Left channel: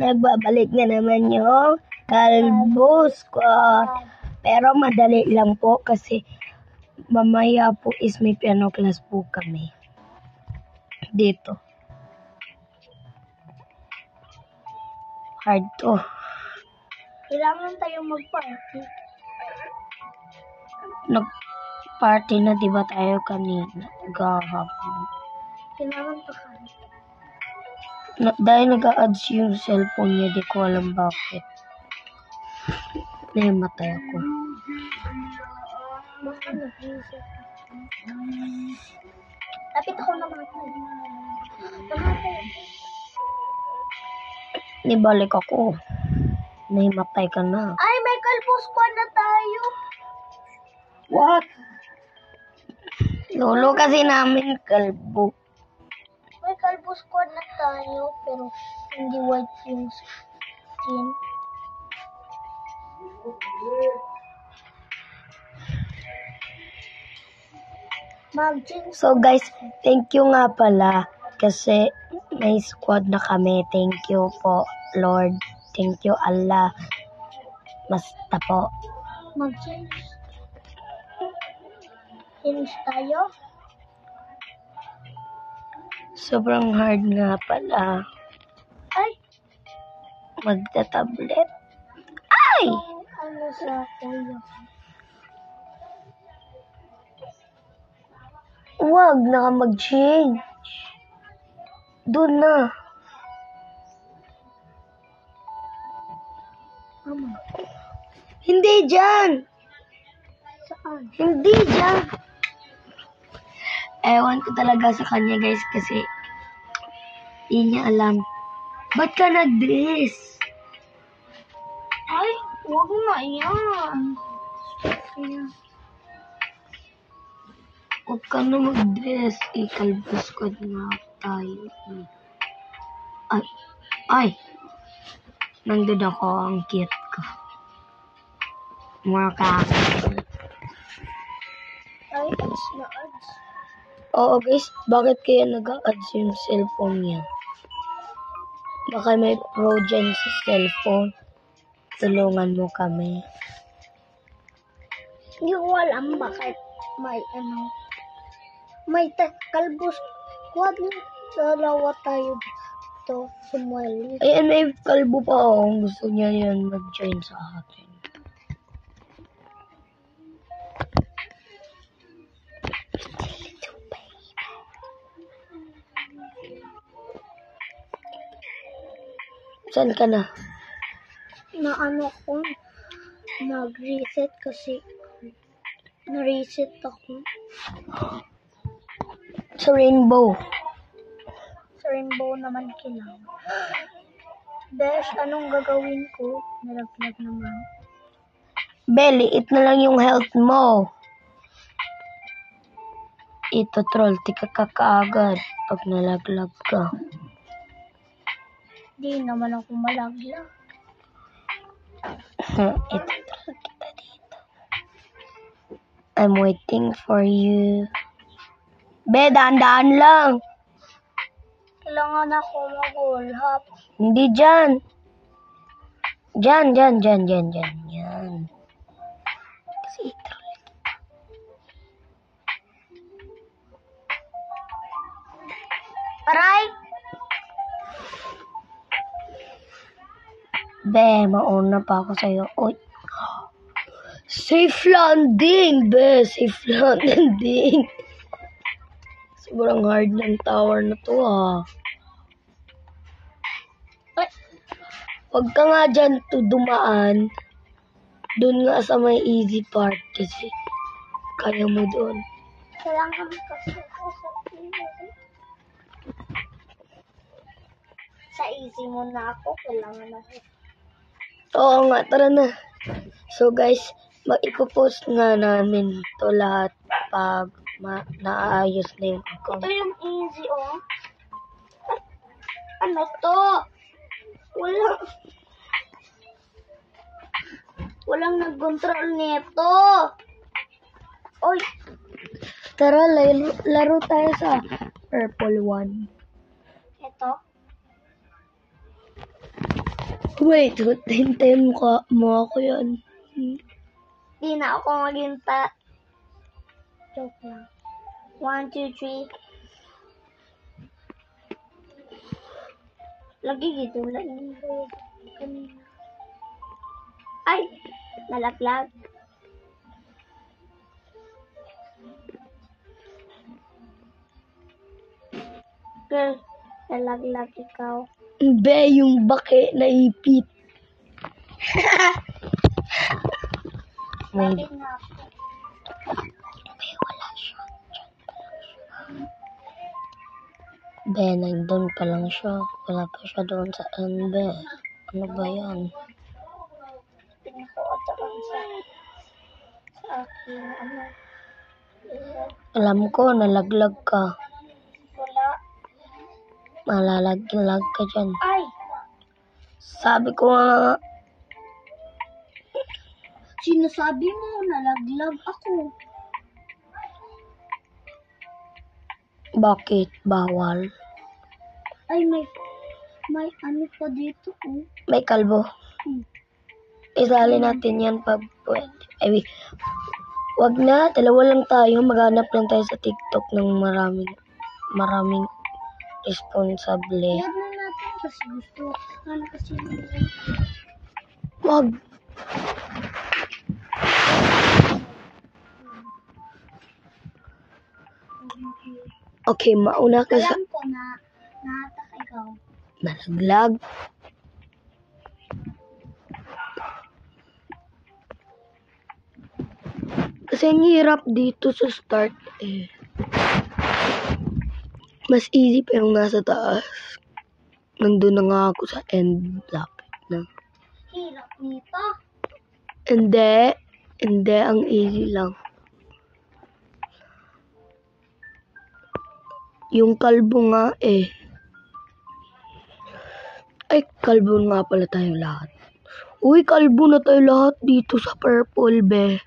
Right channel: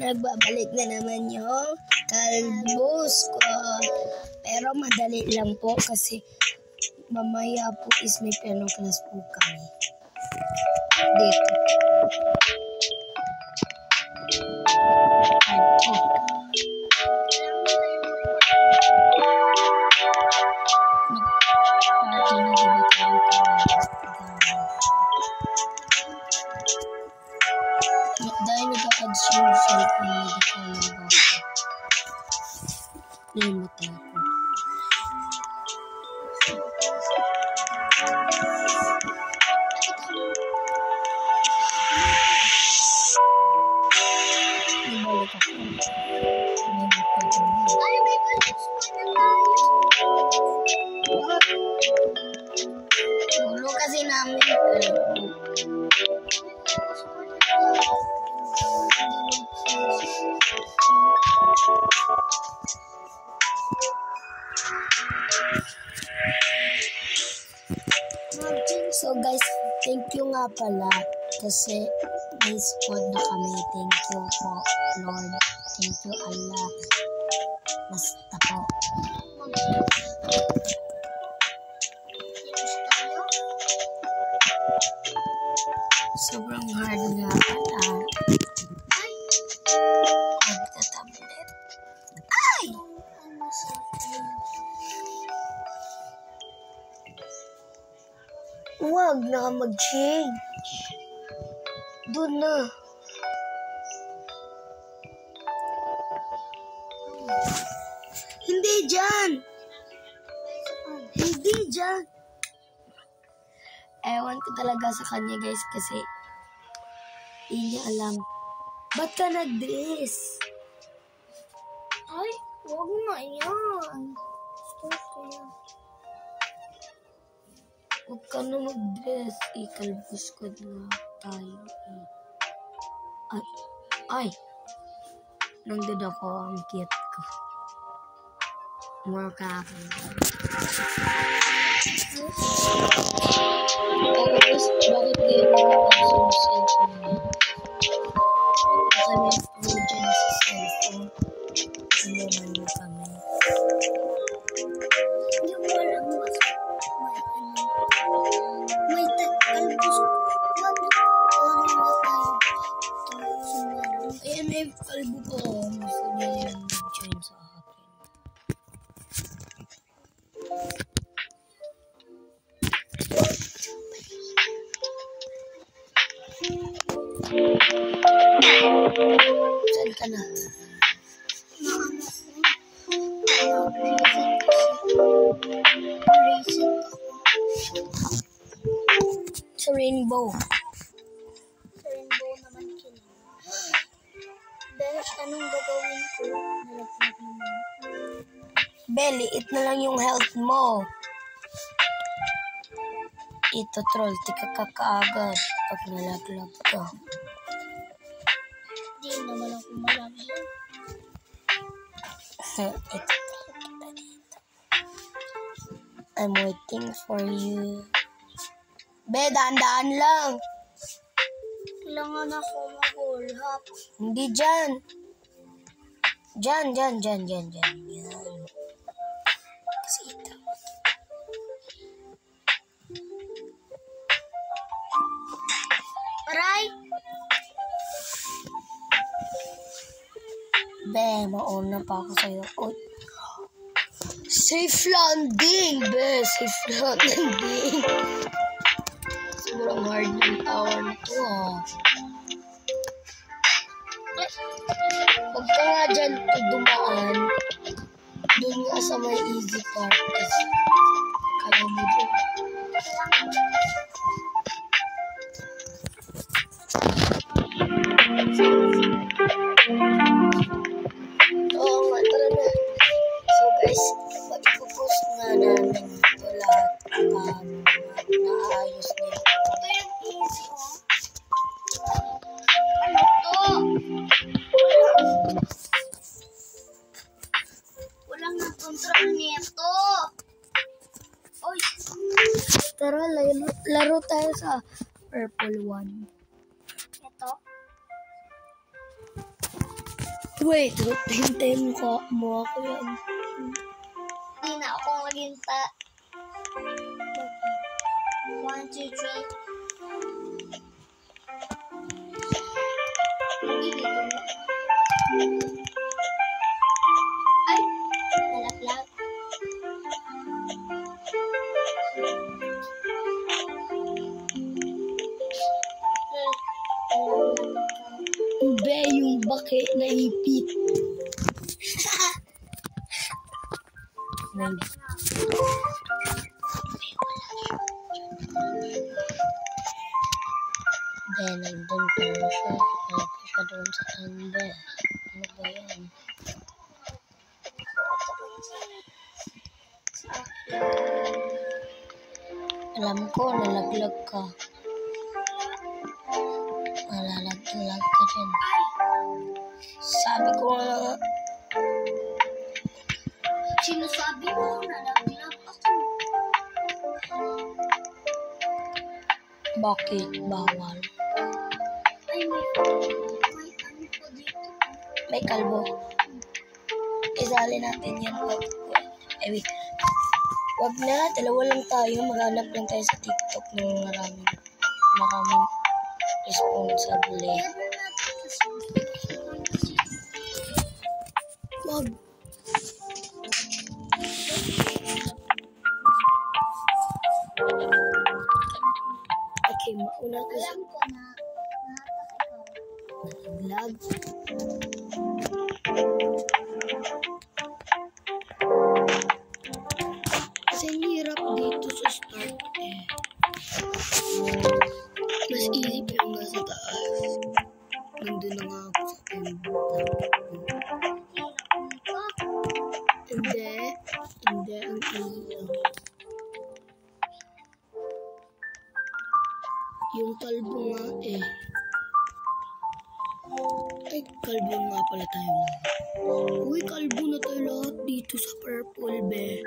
Nagbabalik na naman yung kalbus ko. Pero madali lang po kasi mamaya po is may piano class po kami. Dito. Hard to. Kailangan tayo mag-party. Nag-party na diba tayo kanina? Gahapon. Kailangan pa Dahil nag-a-adds yung cellphone niya, di ko alam bakit. Nahimatay ako. Lapit ako naman. Nibalik ako. Nahimatay ka na. Ay, may kalbus pa na tayo. What? Lolo kasi namin kalbo. May kalbus pa na tayo. Pero hindi white skin. So guys, thank you nga pala kasi may squad na kami. Thank you po, Lord. Thank you, Allah. Basta po. Finish tayo. Sobrang hard nga pala. Ay! Magta-tablet. Ay! Ano sa kuya? Huwag na ka mag-change. Doon na. Mama. Hindi dyan. Saan? Hindi dyan. Ewan ko talaga sa kanya guys kasi hindi niya alam. Ba't ka nag-dress? Ay, huwag na yan. Huwag ka na mag-dress. Ikalbus ko na tayo. Ay. Ay. Nandun ako. Ang cute ko. Mga kakain. Oo guys, bakit kaya nag-a-adds yung cellphone niya? Baka may pro dyan sa cellphone. Tulungan mo kami. Hindi ko alam bakit may may kalbus. Huwag na dalawa tayo to sumali. Ayan, may kalbo pa ako. Gusto niya yan mag-join sa atin. Saan ka na? Na ano ko, nag-reset kasi. Na-reset ako. Sa rainbow. Sa rainbow naman kailangan. Besh, anong gagawin ko? Nalaglag naman. Belly, it na lang yung health mo. Ito troll, tika ka kaagad pag nalaglag ka. Di naman ako malaglag. Ito troll kita dito. I'm waiting for you. Be, daan-daan lang. Kailangan ako mag-all-up. Hindi dyan. Dyan. Kasi ito. Aray! Be, mauna pa ako sa'yo. Oy. Safe landing, be. Safe landing. Sobrang hard ng tower na to, Ay! Huwag ka nga dyan dumaan. Doon nga sa may easy part kasi kaya mo doon. Kailangan ko Oo nga, tara na. So guys, ipopost nga namin to lahat pag naayos na yung ito yung easy, oh. Ano to? Walang nag-control nito. Oy! Tara, laro tayo sa purple one. Ito? Wait, hintayin mo ako yan. Di na ako maghinta. 1, 2, 3. Lagi dito na. Ay! Nalaglag. Girl, nalaglag ikaw. Be, yung bake na ipit. May Bakit nga? wala siya. Be, nandun pa lang siya. Wala pa siya doon sa be. Ano ba yan? Alam ko, nalaglag ka. Malalag ka dyan. Ay! Sabi ko nga, Sinasabi mo, nalaglag ako. bakit bawal? Ay, may ano pa dito. Oh. May kalbo. Isali natin yan pag pwede. Ay, wait. Wag na, dalawa lang tayo. Maghanap lang tayo sa TikTok ng maraming responsable. Kaya na natin kasi gusto ko ano kasi. Wag. Okay, mauna ka sa Alam ko na nahatak ikaw. nalaglag. Kasi ang hirap dito sa start eh. Mas easy pa yung nasa taas. Nandun na nga ako sa end block. No? Hirap nito. Hindi, ang easy lang. Yung kalbo nga eh. Ay, kalbo nga pala tayo lahat. Uy, kalbo na tayo lahat dito sa purple, be.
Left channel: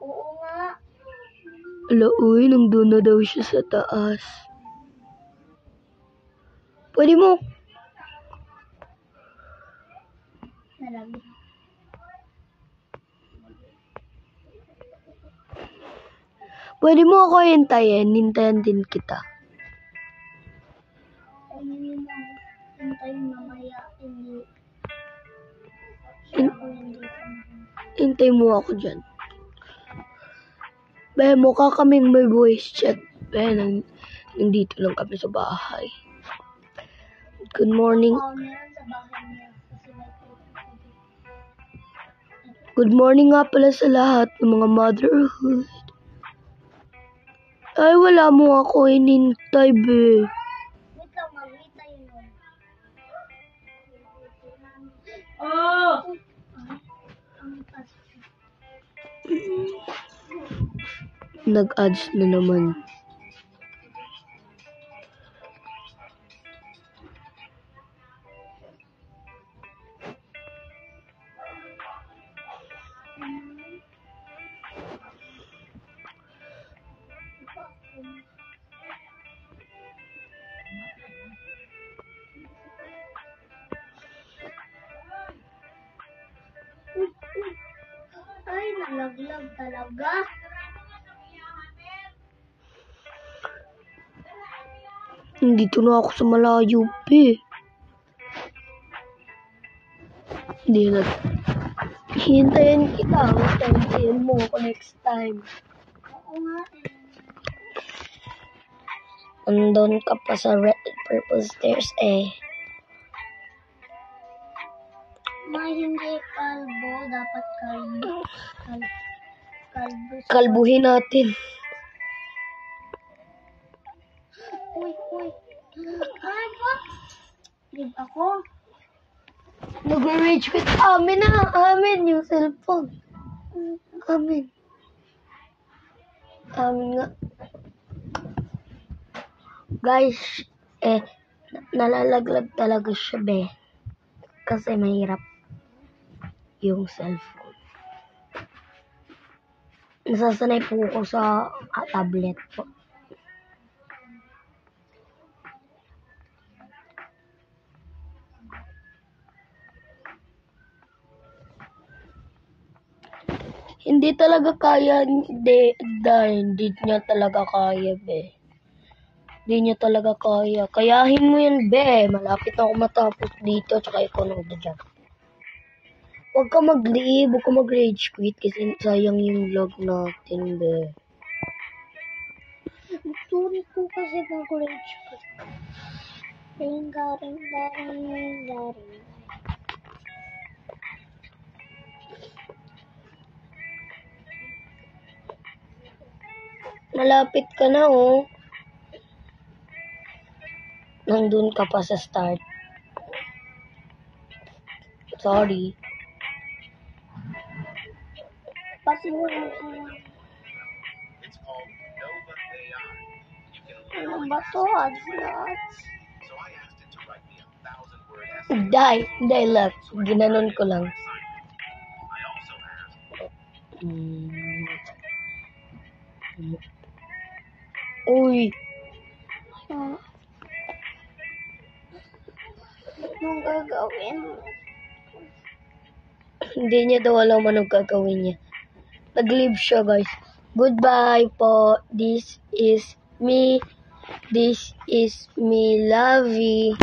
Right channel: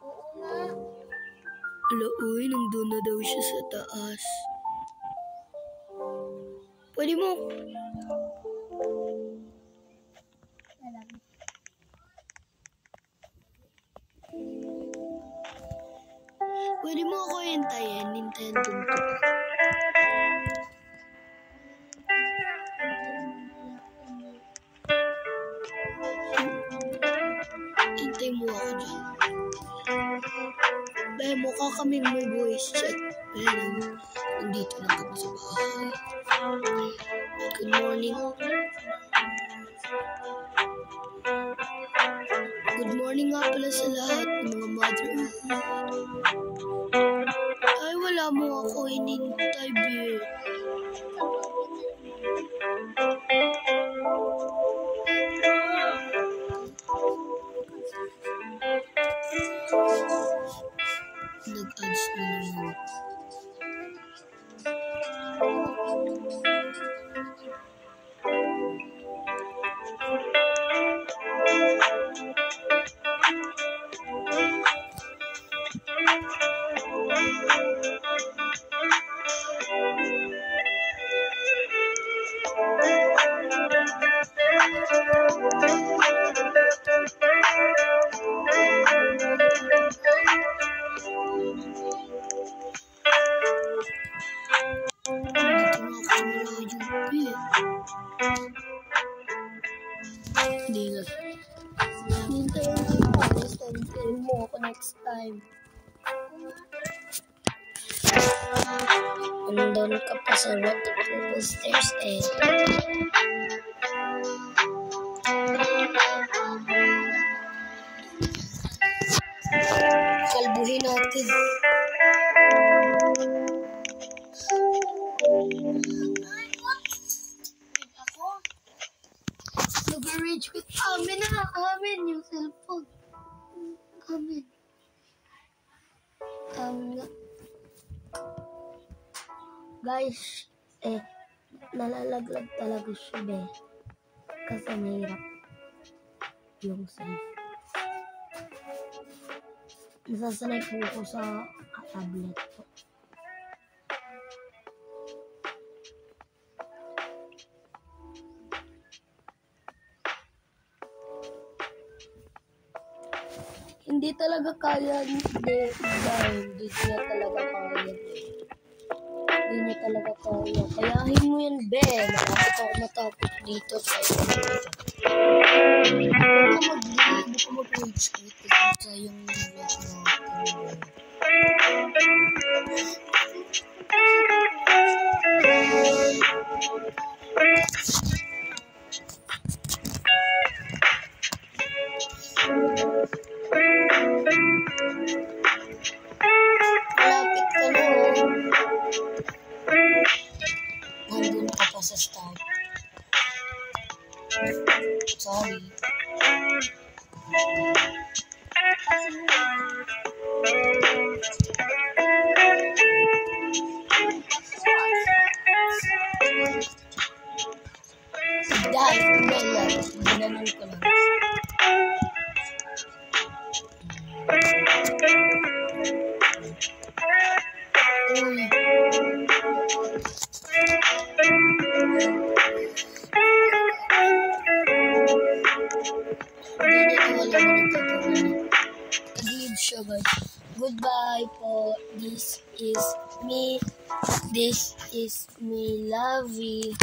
Oo nga. Ala, uy, nandun na daw siya sa taas. Pwede mo. Nalaglag. Pwede mo ako hintayin. Hintayin din kita. Hintay mo ako dyan. Be, mukha kaming may voice chat. Be, nandito lang kami sa bahay. Good morning. Good morning nga pala sa lahat ng mga motherhood. Ay, wala mo ako hinintay, be. Nag-ads na naman. Dito na ako sa malayo, be. Hindi na. Hintayin kita. Hintayin mo ako next time. Andun ka pa sa purple stairs, eh. Kalbuhin natin. Ako? Nag-rage quit. Amin na. Amin yung cellphone. Amin. Amin nga. Guys, nalalaglag talaga siya, be. Kasi mahirap yung cellphone. Nasasanay po ako sa tablet po. Hindi talaga kaya, hindi niya talaga kaya, be. Hindi niya talaga kaya. Kayahin mo yan, be. Malapit ako matapos dito sa iPhone dyan. Huwag ka mag-leave, huwag ka mag-rage quit kasi sayang yung vlog natin, be. Sorry po kasi Malapit ka na, oh. Nandun ka pa sa start. Sorry. Dahil lang. Ginanon ko lang. Uy. Hindi niya daw alam anong gagawin niya. Tag-leave siya, guys. Goodbye po. This is me. This is me, Lovey.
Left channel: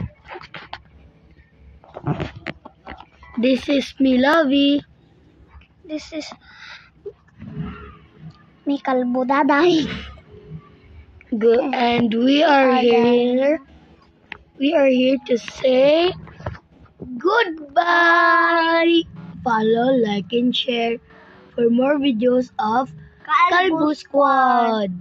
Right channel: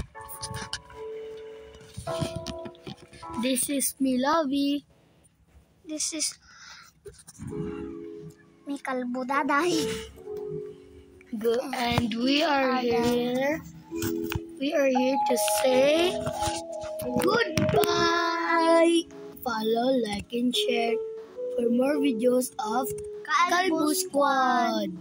This is me, Lovey. This is may kalbo daday. Good. And we are here. We are here to say goodbye. Follow, like, and share for more videos of Kalbo Squad.